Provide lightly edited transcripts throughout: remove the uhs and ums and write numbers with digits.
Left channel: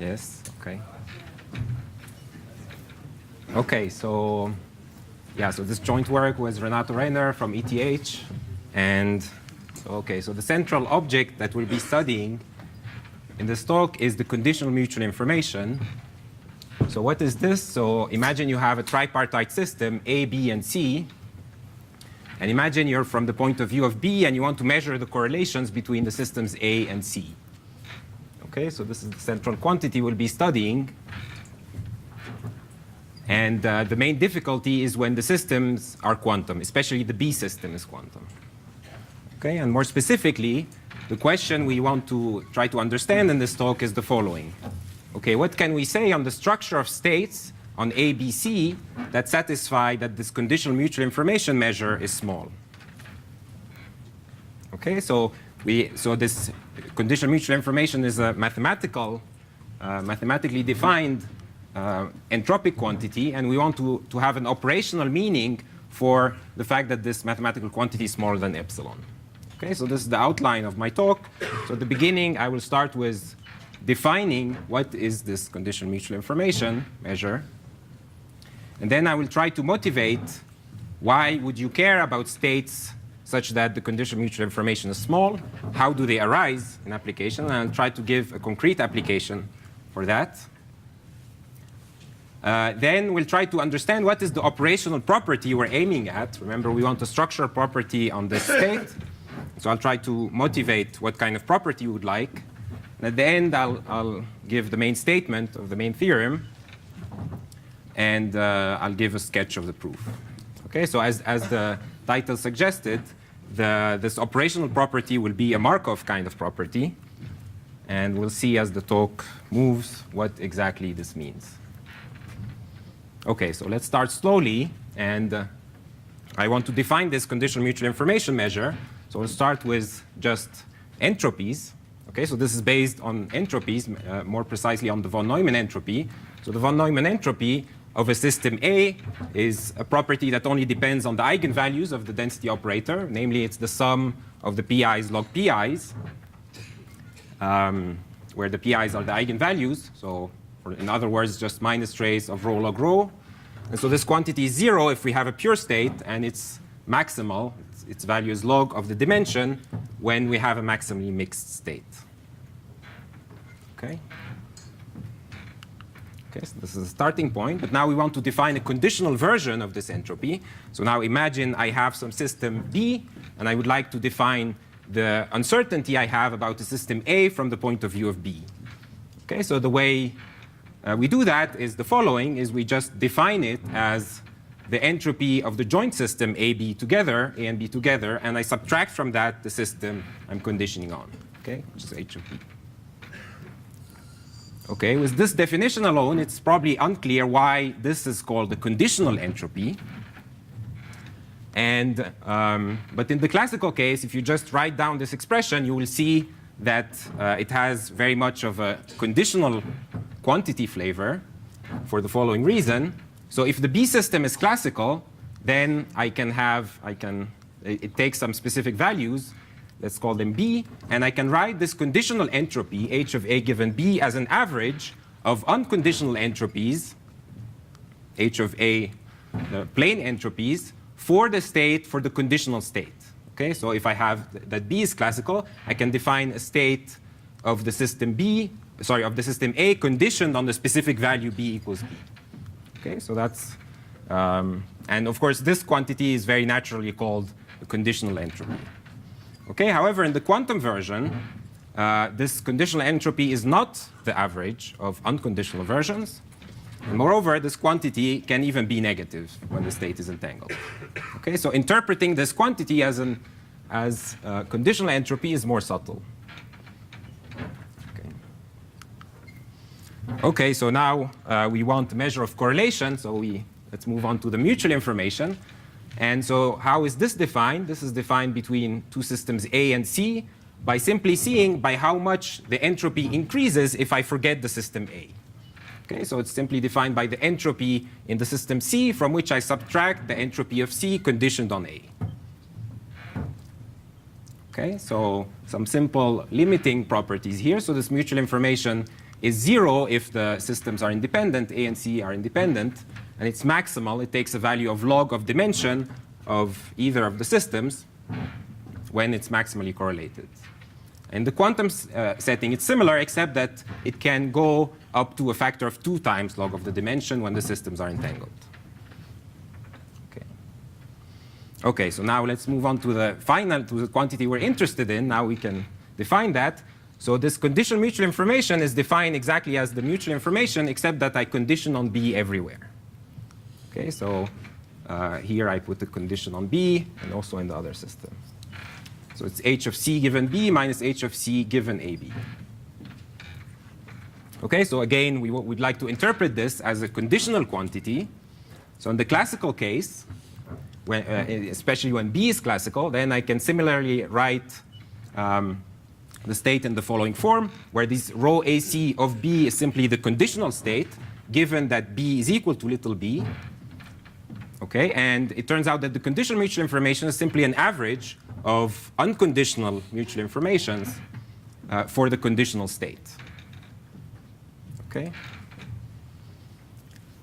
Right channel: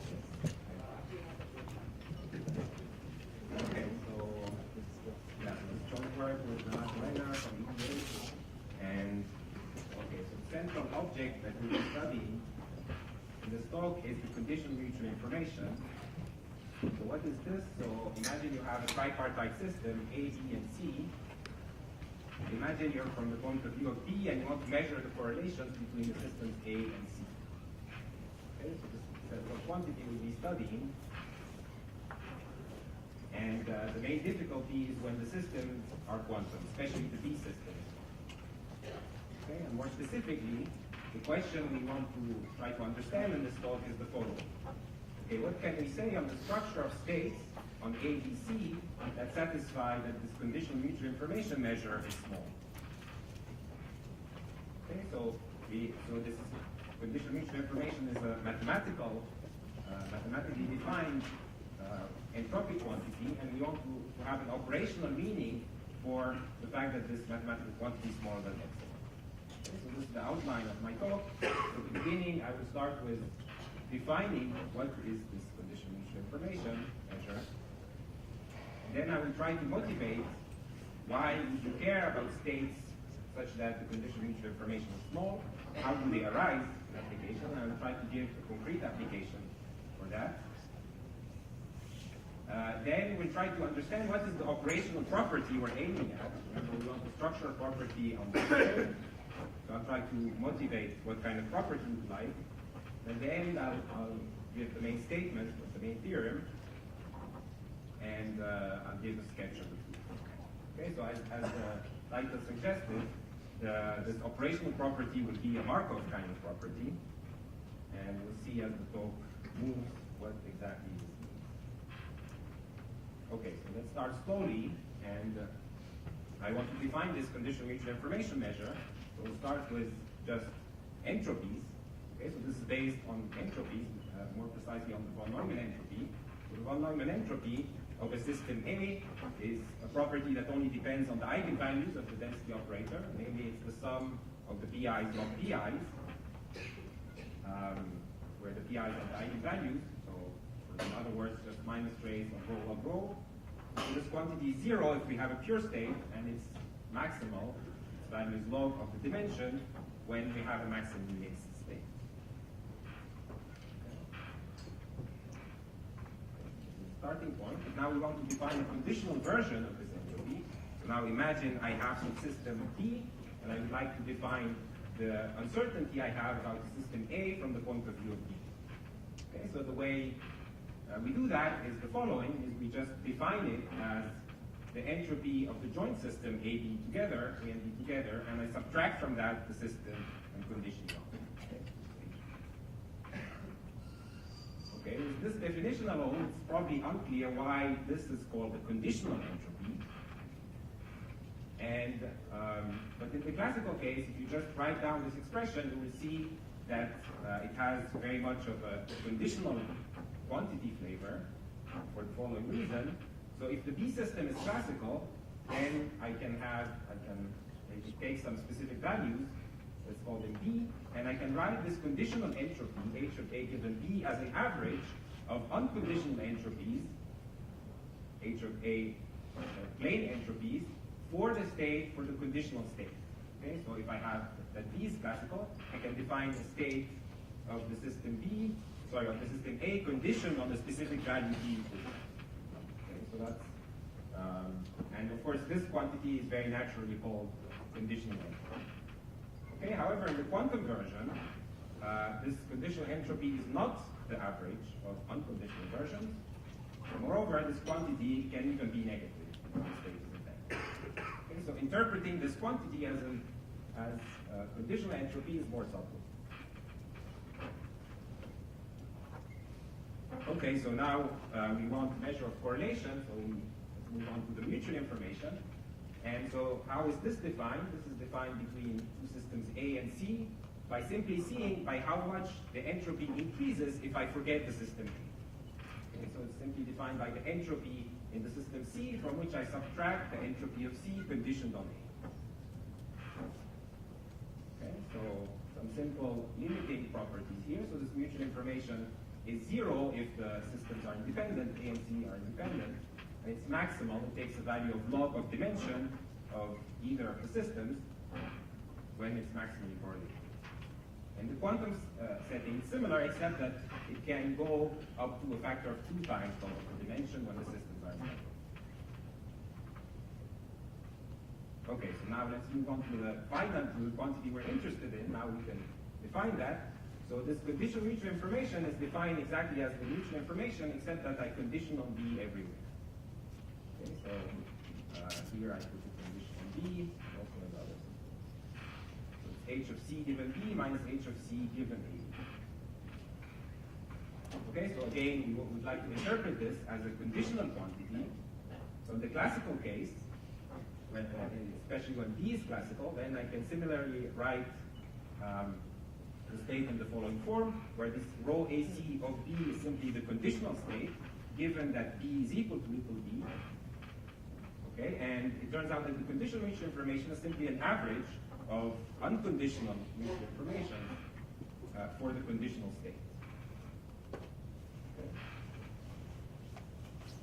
Yes, okay. Okay, so yeah, so this joint work was Renato Renner from ETH. And okay, so the central object that we'll be studying in this talk is the conditional mutual information. So what is this? So imagine you have a tripartite system, A, B, and C. And imagine you're from the point of view of B, and you want to measure the correlations between the systems A and C. Okay, so this is the central quantity we'll be studying. And the main difficulty is when the systems are quantum, especially the B system is quantum. Okay, and more specifically, the question we want to try to understand in this talk is the following. Okay, what can we say on the structure of states on A, B, C that satisfy that this conditional mutual information measure is small? Okay, so this conditional mutual information is a mathematically defined entropic quantity, and we want to have an operational meaning for the fact that this mathematical quantity is smaller than epsilon. Okay, so this is the outline of my talk. So at the beginning, I will start with defining what is this conditional mutual information measure. And then I will try to motivate why would you care about states such that the conditional mutual information is small? How do they arise in application? And I'll try to give a concrete application for that. Then we'll try to understand what is the operational property we're aiming at. Remember, we want a structural property on this state. So I'll try to motivate what kind of property you would like. And at the end, I'll give the main statement of the main theorem. And I'll give a sketch of the proof. Okay, so as the title suggested, this operational property will be a Markov kind of property. And we'll see as the talk moves what exactly this means. Okay, so let's start slowly. And I want to define this conditional mutual information measure. So we'll start with just entropies. Okay, so this is based on entropies, more precisely on the von Neumann entropy. So the von Neumann entropy of a system A is a property that only depends on the eigenvalues of the density operator. Namely, it's the sum of the pi's log pi's, where the pi's are the eigenvalues. So in other words, just minus trace of rho log rho. And so this quantity is 0 if we have a pure state, and it's maximal. Its value is log of the dimension when we have a maximally mixed state. Okay? Okay, so this is a starting point. But now we want to define a conditional version of this entropy. So now imagine I have some system B, and I would like to define the uncertainty I have about the system A from the point of view of B. Okay, so the way we do that is the following, is we just define it as the entropy of the joint system A and B together, and I subtract from that the system I'm conditioning on, okay, which is H of B. Okay, with this definition alone, it's probably unclear why this is called the conditional entropy. And, but in the classical case, if you just write down this expression, you will see that it has very much of a conditional quantity flavor for the following reason. So if the B system is classical, then it takes some specific values, let's call them B, and I can write this conditional entropy, H of A given B, as an average of unconditional entropies, H of A, the plane entropies, for the conditional state. Okay, so if I have that B is classical, I can define a state of the system of the system A conditioned on the specific value B equals B. Okay, so that's, and of course this quantity is very naturally called the conditional entropy. Okay, however, in the quantum version, this conditional entropy is not the average of unconditional versions. And moreover, this quantity can even be negative when the state is entangled. Okay, so interpreting this quantity as conditional entropy is more subtle. Okay, so now we want the measure of correlation, so let's move on to the mutual information. And so how is this defined? This is defined between two systems A and C by simply seeing by how much the entropy increases if I forget the system A. Okay, so it's simply defined by the entropy in the system C, from which I subtract the entropy of C conditioned on A. Okay, so some simple limiting properties here. So this mutual information is 0 if the systems are independent, A and C are independent, and it's maximal. It takes a value of log of dimension of either of the systems when it's maximally correlated. In the quantum setting, it's similar, except that it can go up to a factor of 2 times log of the dimension when the systems are entangled. Okay, so now let's move on to the quantity we're interested in. Now we can define that. So this conditional mutual information is defined exactly as the mutual information, except that I condition on B everywhere. Okay, so here I put the condition on B and also in the other system. So it's H of C given B minus H of C given AB. Okay, so again, we'd like to interpret this as a conditional quantity. So in the classical case, when, especially when B is classical, then I can similarly write the state in the following form, where this rho AC of B is simply the conditional state, given that B is equal to little b. Okay, and it turns out that the conditional mutual information is simply an average of unconditional mutual informations for the conditional state. Okay.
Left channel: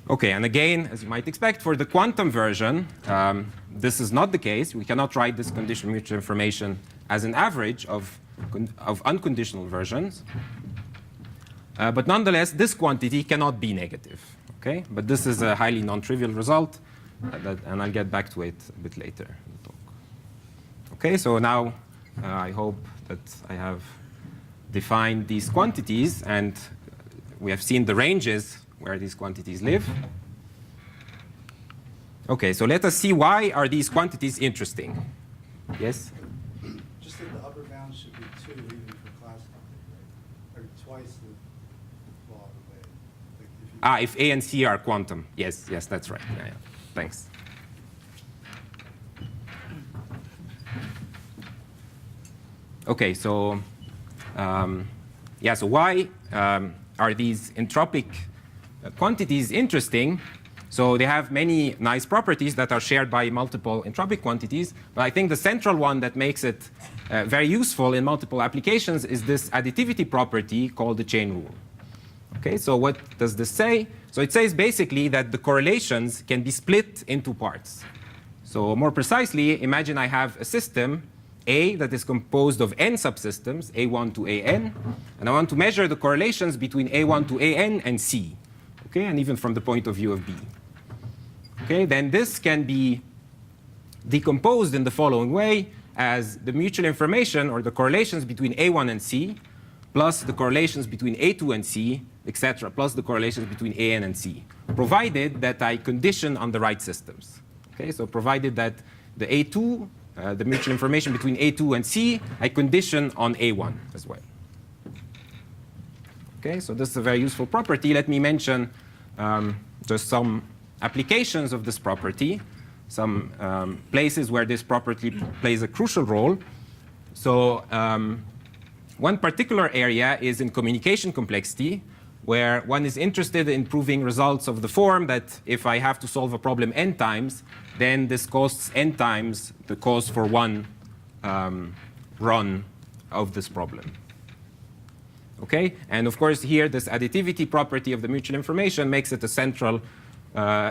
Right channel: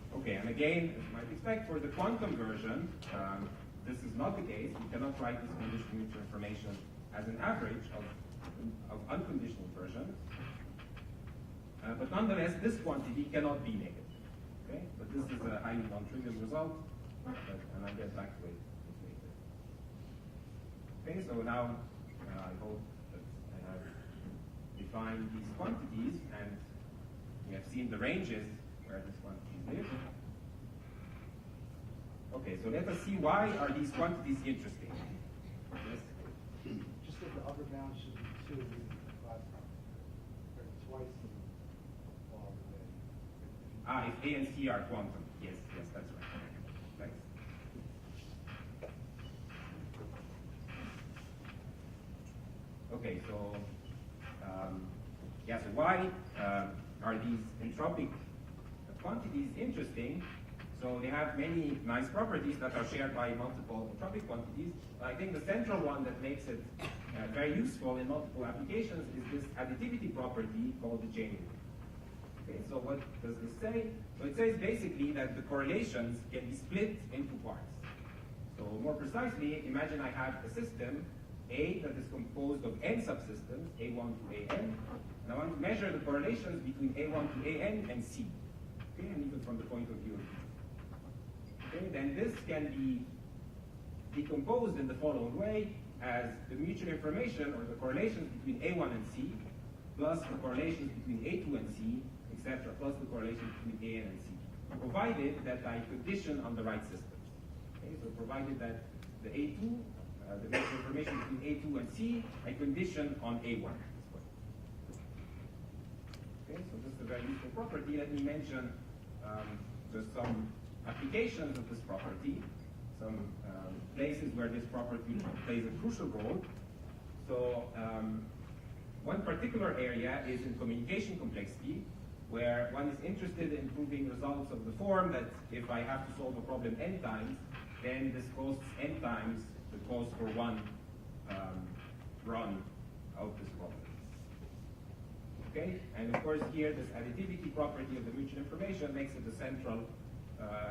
Okay, and again, as you might expect, for the quantum version, this is not the case. We cannot write this conditional mutual information as an average of unconditional versions. But nonetheless, this quantity cannot be negative. Okay, but this is a highly non-trivial result, and I'll get back to it a bit later in the talk. Okay, so now I hope that I have defined these quantities, and we have seen the ranges where these quantities live. Okay, so let us see, why are these quantities interesting? Yes? Just that the upper bound should be 2 even for classical, or twice the log of A. Like If A and C are quantum. Yes, yes, that's right. Yeah, yeah. Thanks. Okay, so yeah, so why are these entropic quantities interesting? So they have many nice properties that are shared by multiple entropic quantities, but I think the central one that makes it very useful in multiple applications is this additivity property called the chain rule. Okay, so what does this say? So it says basically that the correlations can be split into parts. So more precisely, imagine I have a system A that is composed of n subsystems, A1 to AN, and I want to measure the correlations between A1 to AN and C, okay, and even from the point of view of B. Okay, then this can be decomposed in the following way as the mutual information or the correlations between A1 and C plus the correlations between A2 and C, etc., plus the correlations between AN and C, provided that I condition on the right systems. Okay, so provided that the A2, the mutual information between A2 and C, I condition on A1 as well. Okay, so this is a very useful property. Let me mention just some applications of this property, some places where this property plays a crucial role. So one particular area is in communication complexity, where one is interested in proving results of the form that if I have to solve a problem n times, then this costs n times the cost for one run of this problem. Okay, and of course here this additivity property of the mutual information makes it a central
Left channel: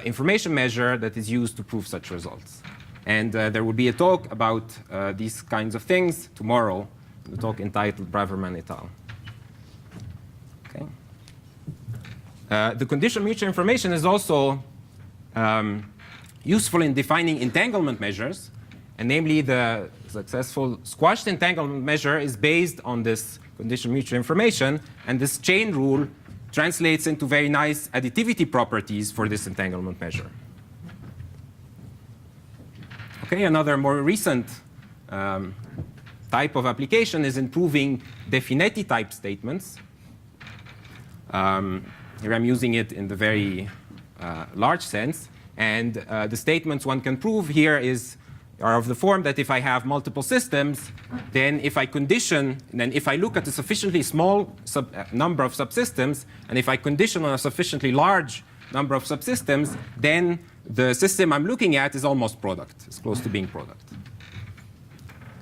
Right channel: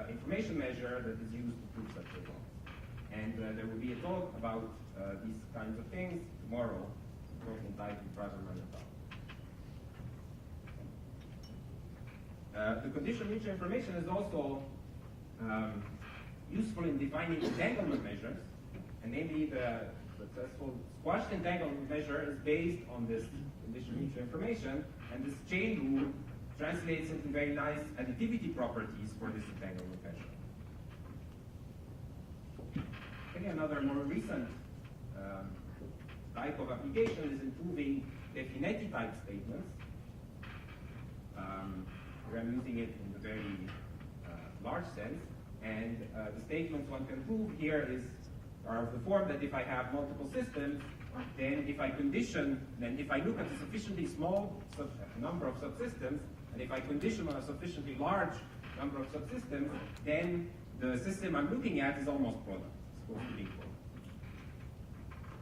information measure that is used to prove such results. And there will be a talk about these kinds of things tomorrow, the talk entitled Braverman et al. Okay. The conditional mutual information is also useful in defining entanglement measures, and namely the successful squashed entanglement measure is based on this conditional mutual information, and this chain rule translates into very nice additivity properties for this entanglement measure. Okay, another more recent type of application is in proving Definetti type statements. Here I'm using it in the very large sense. And the statements one can prove here are of the form that if I have multiple systems, then if I condition, then if I look at a sufficiently small number of subsystems, and if I condition on a sufficiently large number of subsystems, then the system I'm looking at is almost product. It's close to being product.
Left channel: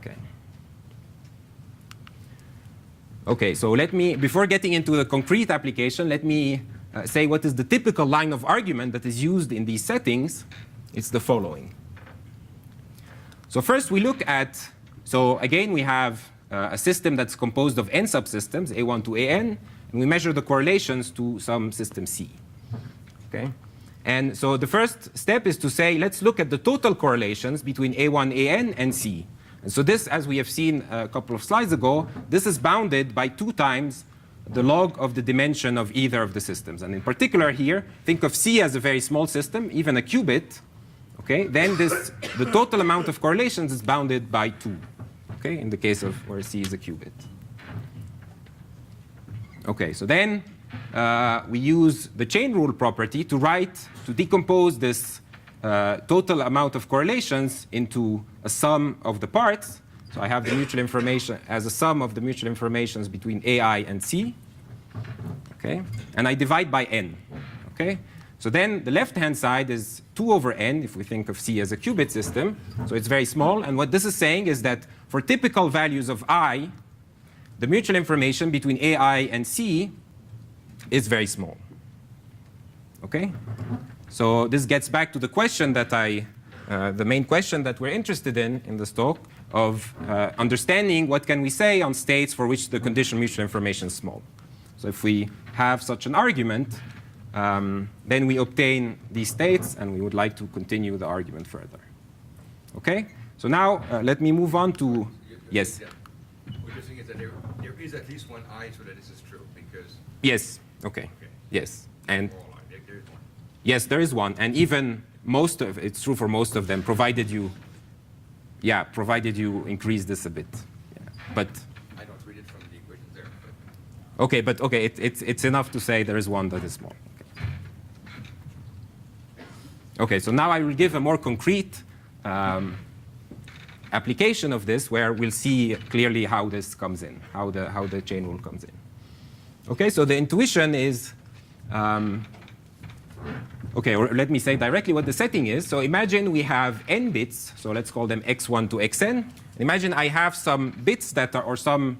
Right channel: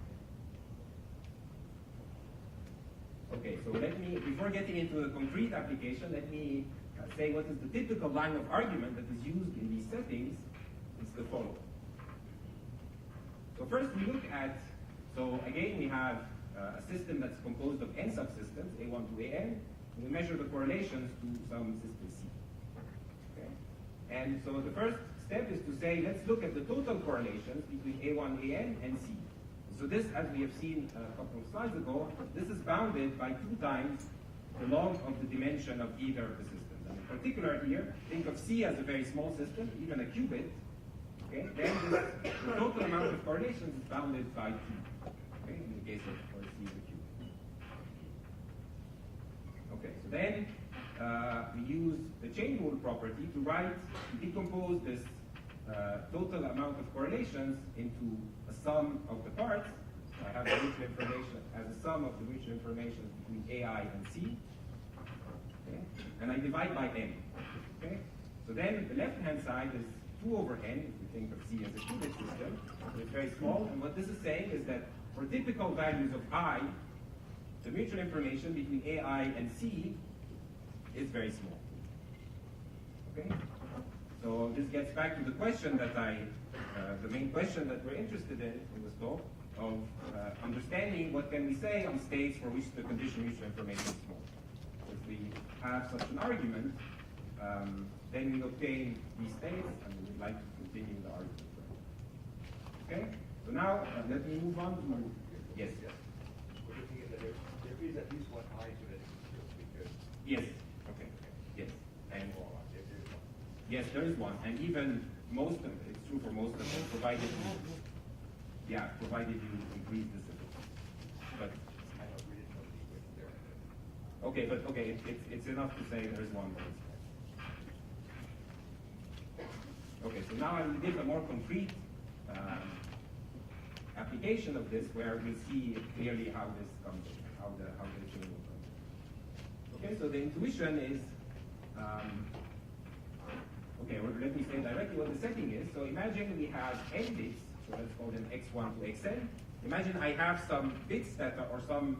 Okay. Okay, so before getting into the concrete application, let me say what is the typical line of argument that is used in these settings. It's the following. So first we look at, so again we have a system that's composed of n subsystems, A1 to AN, and we measure the correlations to some system C. Okay? And so the first step is to say, let's look at the total correlations between A1, AN, and C. And so this, as we have seen a couple of slides ago, this is bounded by 2 times the log of the dimension of either of the systems. And in particular here, think of C as a very small system, even a qubit. Okay? Then the total amount of correlations is bounded by 2. Okay? In the case of where C is a qubit. Okay, so then we use the chain rule property to decompose this total amount of correlations into a sum of the parts. So I have the mutual information as a sum of the mutual informations between AI and C. Okay? And I divide by n. Okay? So then the left-hand side is 2 over n, if we think of C as a qubit system. So it's very small. And what this is saying is that for typical values of I, the mutual information between AI and C is very small. Okay? So this gets back to the question that the main question that we're interested in this talk, of understanding what can we say on states for which the conditional mutual information is small. So if we have such an argument, then we obtain these states, and we would like to continue the argument further. Okay? So now let me move on to, yes? What you're saying is that there is at least one I so that this is true, because... Yes. Okay. Yes. And there is one. yes, there is one. And even it's true for most of them, provided you increase this a bit. Yeah. But I don't read it from the equation there. but okay, it's enough to say there is one that is small. Okay, so now I will give a more concrete application of this, where we'll see clearly how this comes in, how the chain rule comes in. Okay, so the intuition is, okay, or let me say directly what the setting is. So imagine we have n bits, so let's call them x1 to xn. Imagine I have some bits that are, or some,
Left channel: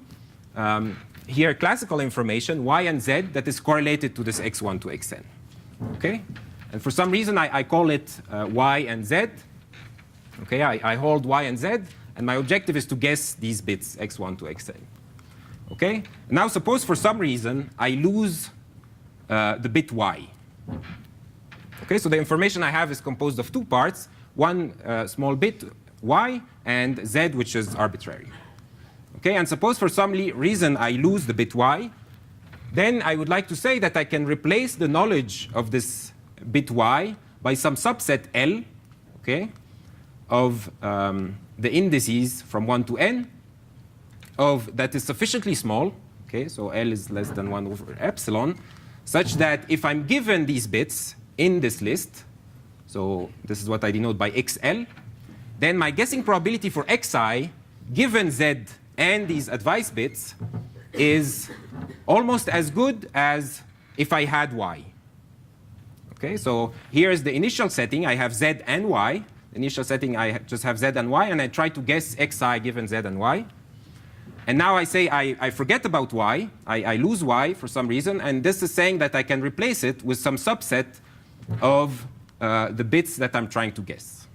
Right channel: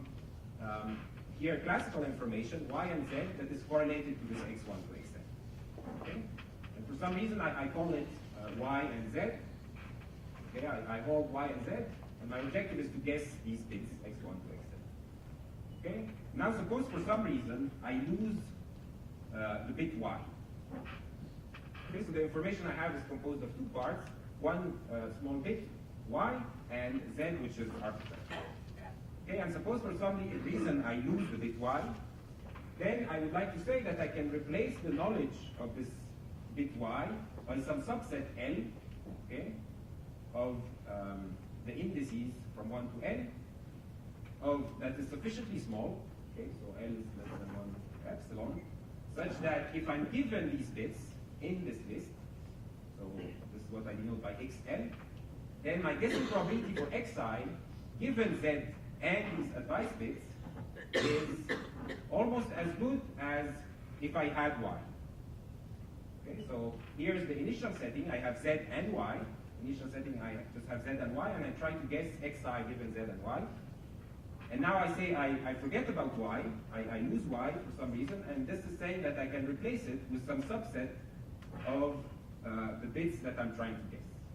here classical information, y and z, that is correlated to this x1 to xn. Okay? And for some reason, I call it y and z. Okay, I hold y and z, and my objective is to guess these bits, x1 to xn. Okay? Now suppose for some reason I lose the bit y. Okay, so the information I have is composed of 2 parts, one small bit y and z, which is arbitrary. Okay, and suppose for some reason I lose the bit y, then I would like to say that I can replace the knowledge of this bit y by some subset L, okay, of the indices from 1 to n that is sufficiently small, okay, so L is less than 1 over epsilon, such that if I'm given these bits in this list, so this is what I denote by xl, then my guessing probability for xi, given z and these advice bits, is almost as good as if I had y. Okay, so here is the initial setting. I have z and y. Initial setting, I just have z and y, and I try to guess xi given z and y. And now I say I forget about y. I lose y for some reason, and this is saying that I can replace it with some subset of the bits that I'm trying to guess.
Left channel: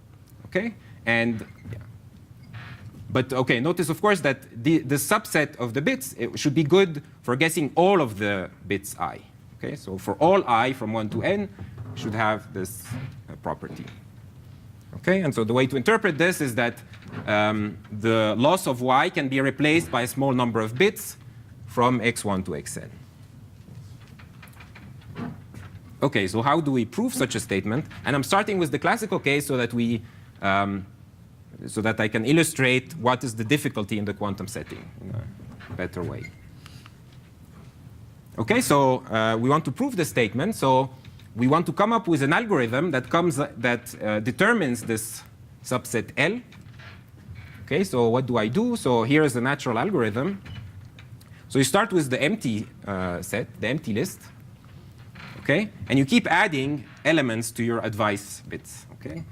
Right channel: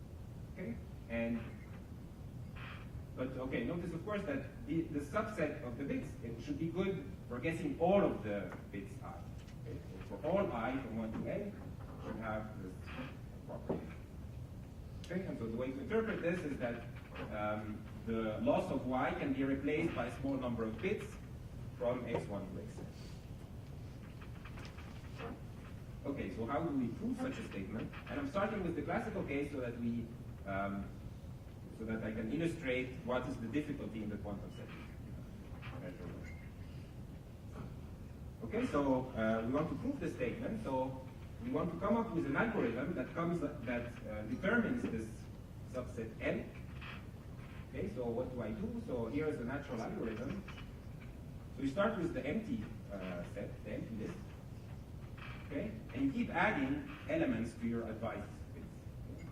Okay, and yeah. But okay, notice of course that the subset of the bits, it should be good for guessing all of the bits I. Okay, so for all I from 1 to n, should have this property. Okay, and so the way to interpret this is that the loss of y can be replaced by a small number of bits from x1 to xn. Okay, so how do we prove such a statement? And I'm starting with the classical case so that so that I can illustrate what is the difficulty in the quantum setting in a better way. Okay, so we want to prove this statement. So we want to come up with an algorithm that determines this subset L. Okay, so what do I do? So here is the natural algorithm. So you start with the empty set, the empty list. Okay, and you keep adding elements to your advice bits. Okay,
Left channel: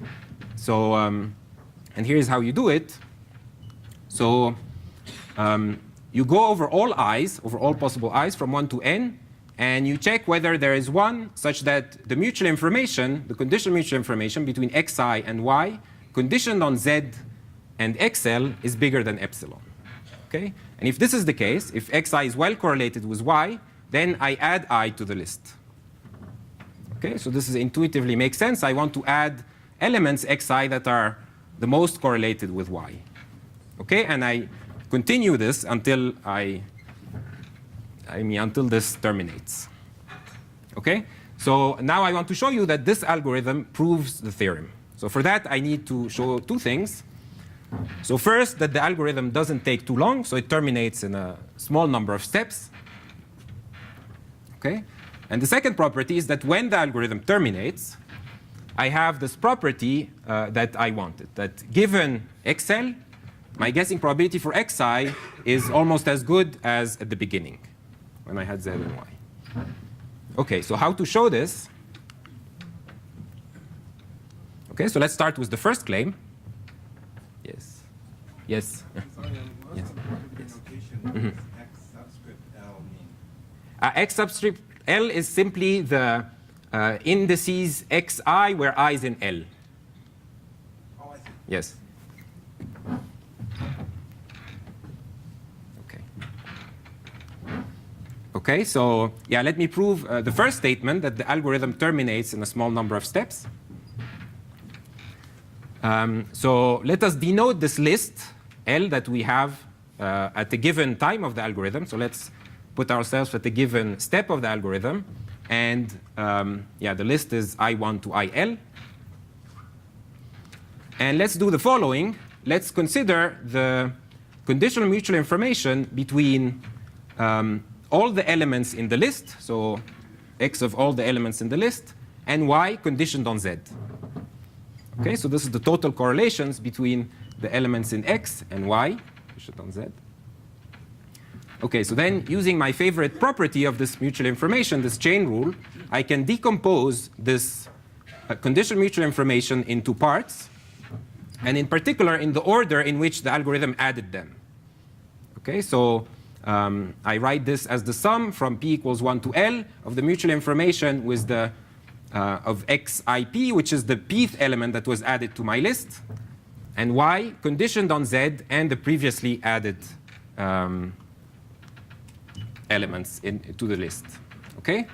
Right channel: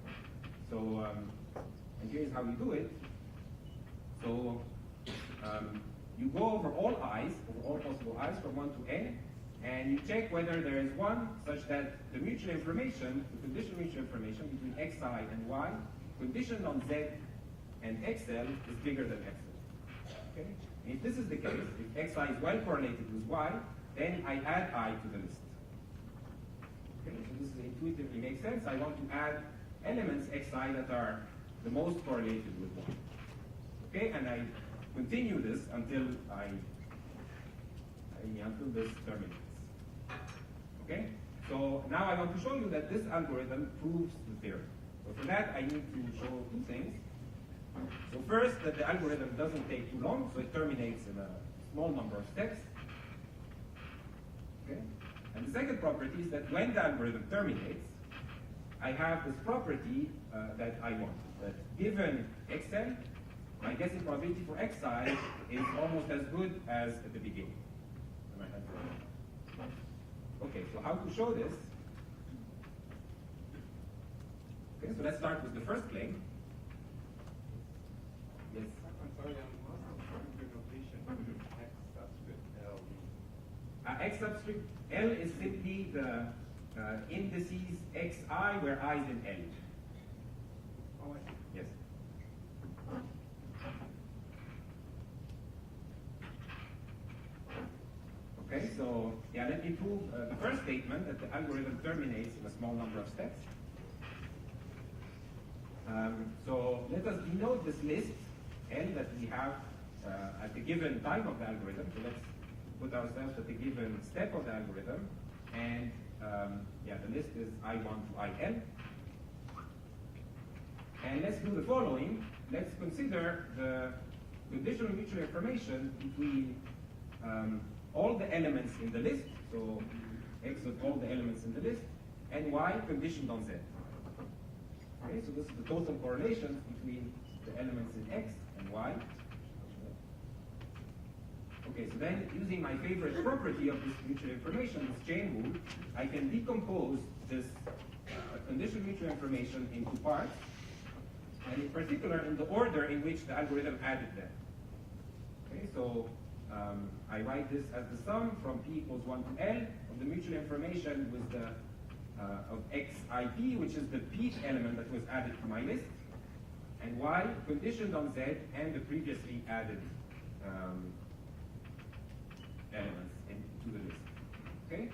so and here's how you do it. So you go over all i's, over all possible i's from 1 to n, and you check whether there is one such that the mutual information, the conditional mutual information between xi and y, conditioned on z and xl, is bigger than epsilon. Okay? And if this is the case, if xi is well correlated with y, then I add I to the list. Okay? So this is intuitively makes sense. I want to add elements xi that are the most correlated with y. Okay? And I continue this until until this terminates. Okay? So now I want to show you that this algorithm proves the theorem. So for that, I need to show two things. So first, that the algorithm doesn't take too long, so it terminates in a small number of steps. Okay? And the second property is that when the algorithm terminates, I have this property that I wanted, that given xl, my guessing probability for xi is almost as good as at the beginning, when I had z and y. Okay, so how to show this? Okay, so let's start with the first claim. Yes. Yes. Sorry, Yes. what's the property Yes. notation Mhm. X subscript L mean? X subscript L is simply the indices xi where I is in L. Oh, I see. Yes. Okay. Okay, so yeah, let me prove the first statement that the algorithm terminates in a small number of steps. So let us denote this list L that we have at a given time of the algorithm. So let's put ourselves at a given step of the algorithm. And yeah, the list is I1 to IL. And let's do the following. Let's consider the conditional mutual information between all the elements in the list, so x of all the elements in the list, and y conditioned on z. Okay, so this is the total correlations between the elements in x and y conditioned on z. Okay, so then using my favorite property of this mutual information, this chain rule, I can decompose this conditional mutual information into parts, and in particular in the order in which the algorithm added them. Okay, so I write this as the sum from p equals 1 to L of the mutual information with the of xip, which is the pth element that was added to my list, and y conditioned on z and the previously added elements to the list. Okay?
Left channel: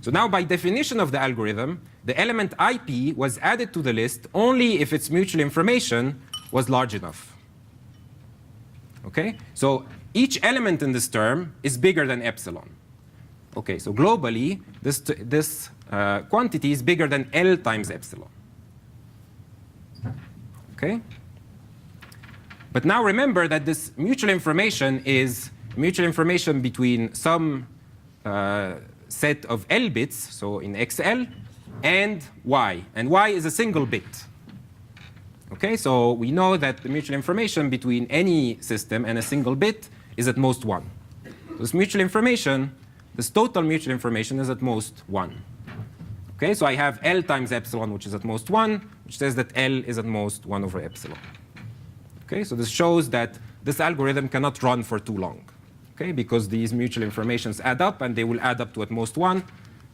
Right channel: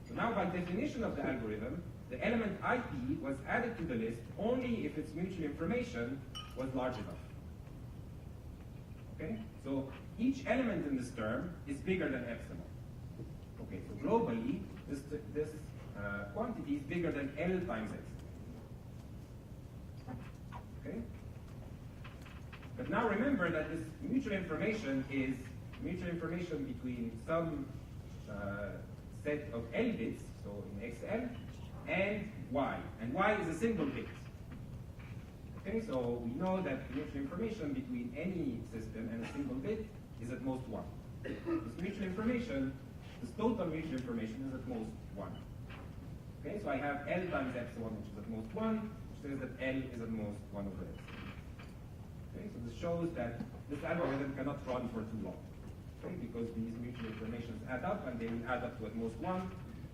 So now by definition of the algorithm, the element ip was added to the list only if its mutual information was large enough. Okay? So each element in this term is bigger than epsilon. Okay, so globally, this quantity is bigger than L times epsilon. Okay? But now remember that this mutual information is mutual information between some set of L bits, so in XL, and Y. And Y is a single bit. Okay, so we know that the mutual information between any system and a single bit is at most 1. This mutual information, this total mutual information is at most 1. Okay, so I have L times epsilon, which is at most 1, which says that L is at most 1 over epsilon. Okay, so this shows that this algorithm cannot run for too long. Okay, because these mutual informations add up, and they will add up to at most 1.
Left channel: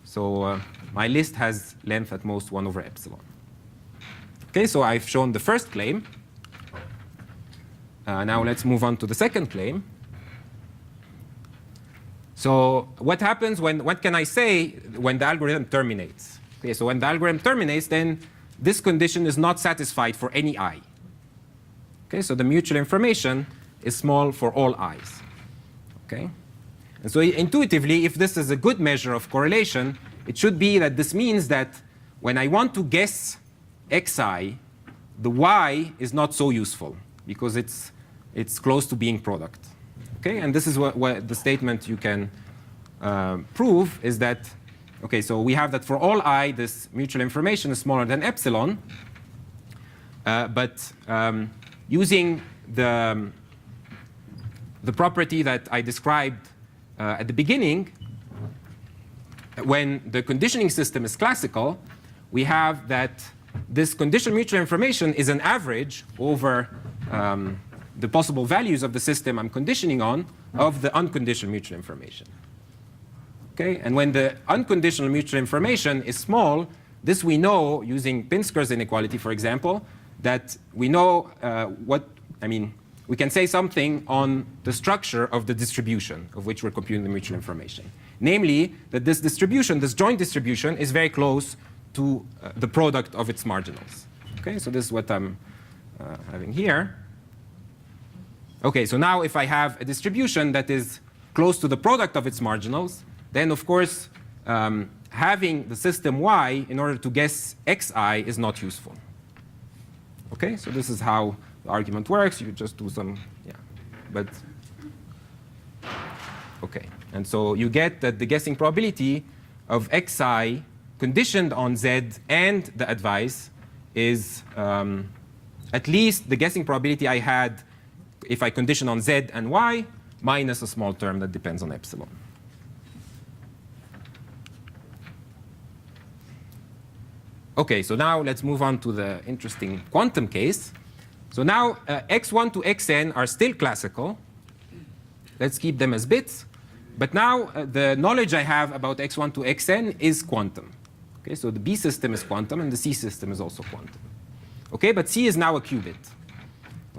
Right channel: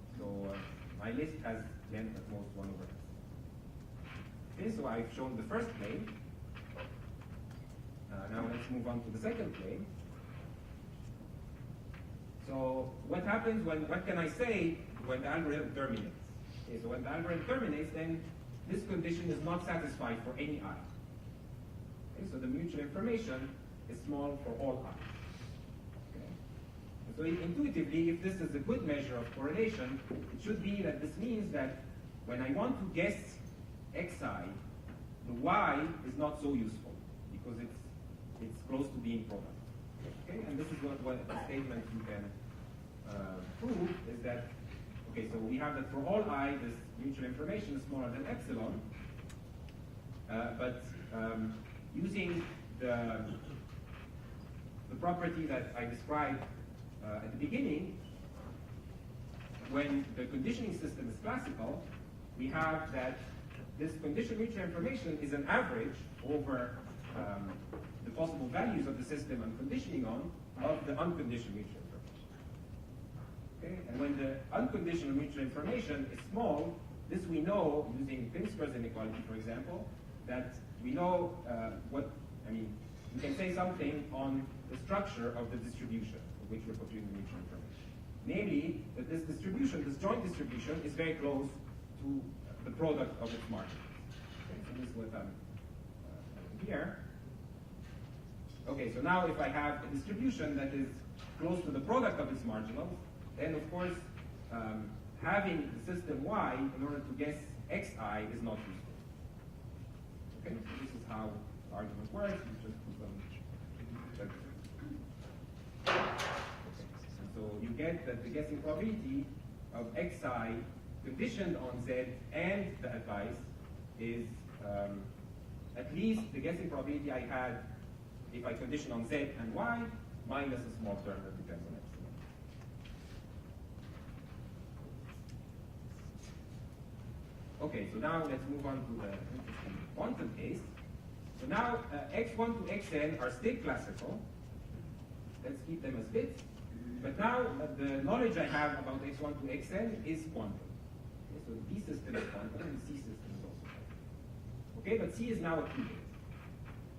So my list has length at most 1 over epsilon. Okay, so I've shown the first claim. Now let's move on to the second claim. So what happens what can I say when the algorithm terminates? Okay, so when the algorithm terminates, then this condition is not satisfied for any I. Okay, so the mutual information is small for all i's. Okay? And so intuitively, if this is a good measure of correlation, it should be that this means that when I want to guess xi, the y is not so useful because it's close to being product. Okay? And this is what the statement you can prove is that, okay, so we have that for all I, this mutual information is smaller than epsilon, but using the property that I described at the beginning, when the conditioning system is classical, we have that this conditional mutual information is an average over the possible values of the system I'm conditioning on of the unconditional mutual information. Okay? And when the unconditional mutual information is small, this we know using Pinsker's inequality, for example, that we know we can say something on the structure of the distribution of which we're computing the mutual information. Namely, that this distribution, this joint distribution, is very close to the product of its marginals. Okay, so this is what I'm having here. Okay, so now if I have a distribution that is close to the product of its marginals, then of course having the system y in order to guess xi is not useful. Okay, so this is how the argument works. You just do some, okay. And so you get that the guessing probability of xi conditioned on z and the advice is at least the guessing probability I had if I condition on z and y minus a small term that depends on epsilon. Okay, so now let's move on to the interesting quantum case. So now x1 to xn are still classical. Let's keep them as bits. But now the knowledge I have about x1 to xn is quantum. Okay, so the B system is quantum and the C system is also quantum. Okay, but C is now a qubit.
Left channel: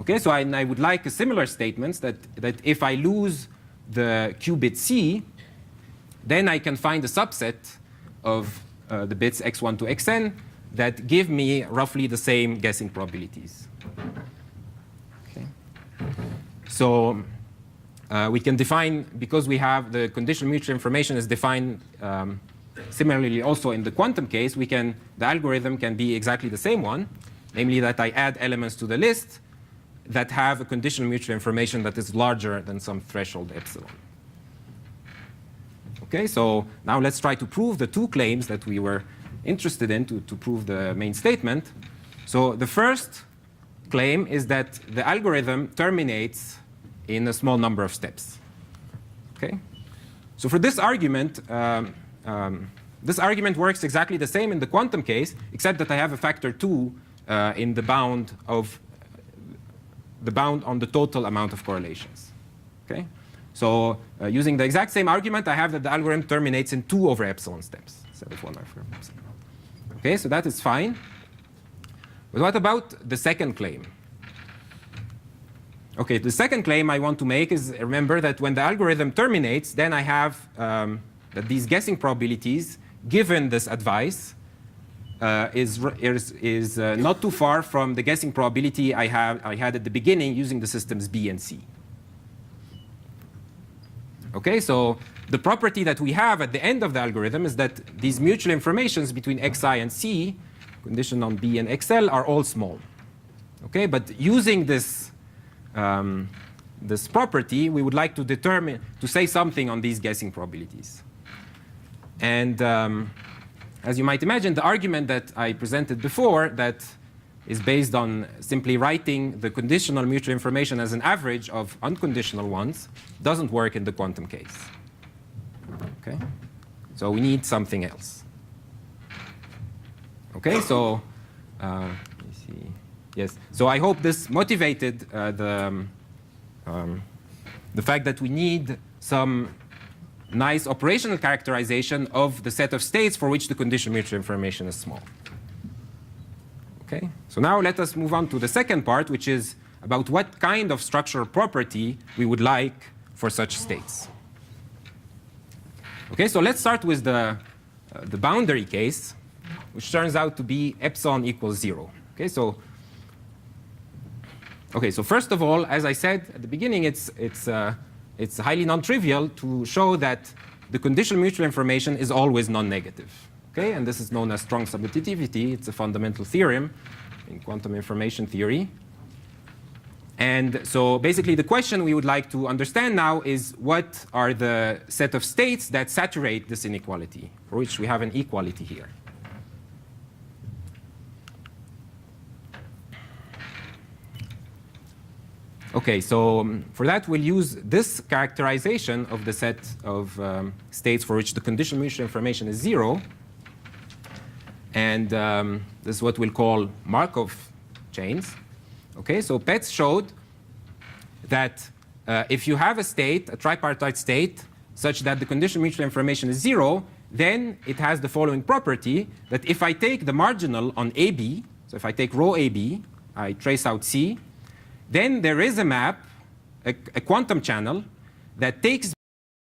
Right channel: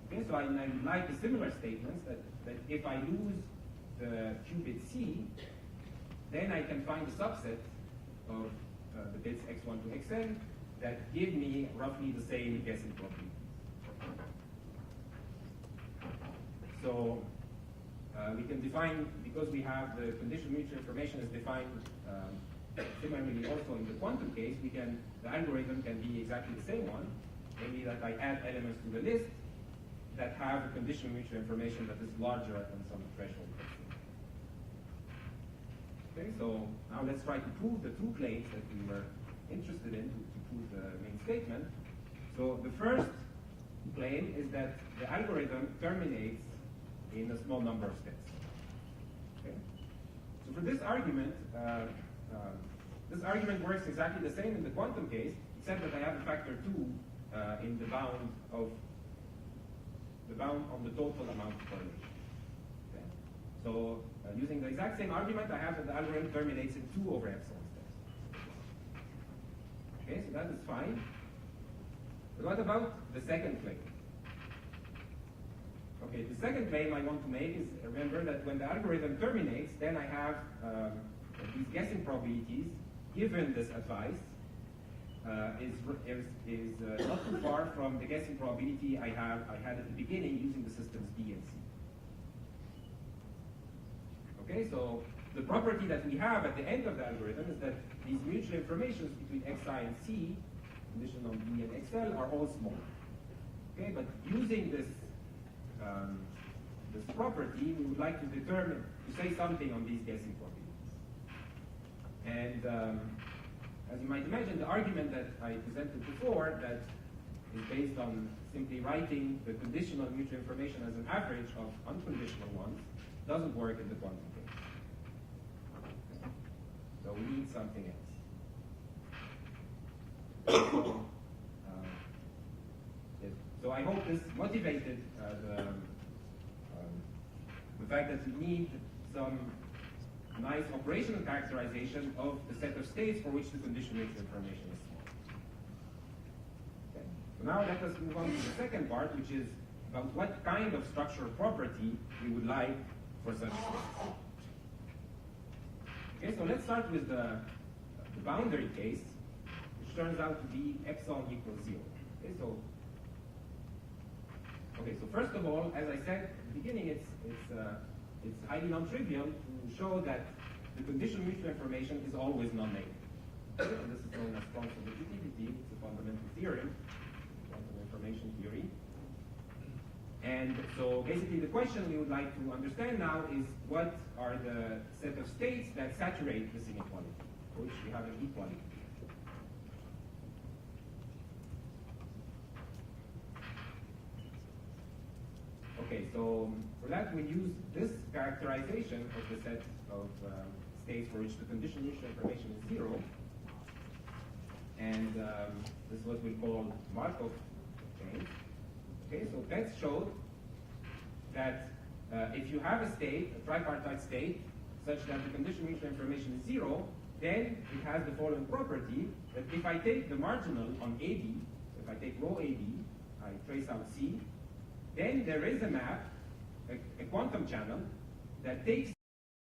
Okay, so I would like a similar statement that if I lose the qubit C, then I can find a subset of the bits x1 to xn that give me roughly the same guessing probabilities. Okay. So we can define, because we have the conditional mutual information is defined similarly also in the quantum case, the algorithm can be exactly the same one, namely that I add elements to the list that have a conditional mutual information that is larger than some threshold epsilon. Okay, so now let's try to prove the two claims that we were interested in to prove the main statement. So the first claim is that the algorithm terminates in a small number of steps. Okay, so for this argument works exactly the same in the quantum case, except that I have a factor 2 in the bound on the total amount of correlations. Okay, so using the exact same argument, I have that the algorithm terminates in 2 over epsilon steps instead of 1 over epsilon. Okay, so that is fine. But what about the second claim? Okay, the second claim I want to make is, remember that when the algorithm terminates, then I have that these guessing probabilities, given this advice, is not too far from the guessing probability I had at the beginning using the systems B and C. Okay, so the property that we have at the end of the algorithm is that these mutual informations between xi and c, conditioned on B and xl, are all small. Okay, but using this this property, we would like to say something on these guessing probabilities. And as you might imagine, the argument that I presented before that is based on simply writing the conditional mutual information as an average of unconditional ones doesn't work in the quantum case. Okay? So we need something else. Okay, so let me see. Yes, so I hope this motivated the fact that we need some nice operational characterization of the set of states for which the conditional mutual information is small. Okay, so now let us move on to the second part, which is about what kind of structural property we would like for such states. Okay, so let's start with the boundary case, which turns out to be epsilon equals 0. Okay, so first of all, as I said at the beginning, it's highly non-trivial to show that the conditional mutual information is always non-negative. Okay, and this is known as strong subadditivity. It's a fundamental theorem in quantum information theory. And so basically the question we would like to understand now is what are the set of states that saturate this inequality, for which we have an equality here. Okay, so for that we'll use this characterization of the set of states for which the conditional mutual information is 0. And this is what we'll call Markov chains. Okay, so Petz showed that if you have a state, a tripartite state, such that the conditional mutual information is 0, then it has the following property, that if I take the marginal on AB, so if I take rho AB, I trace out C, then there is a map, a quantum channel, that takes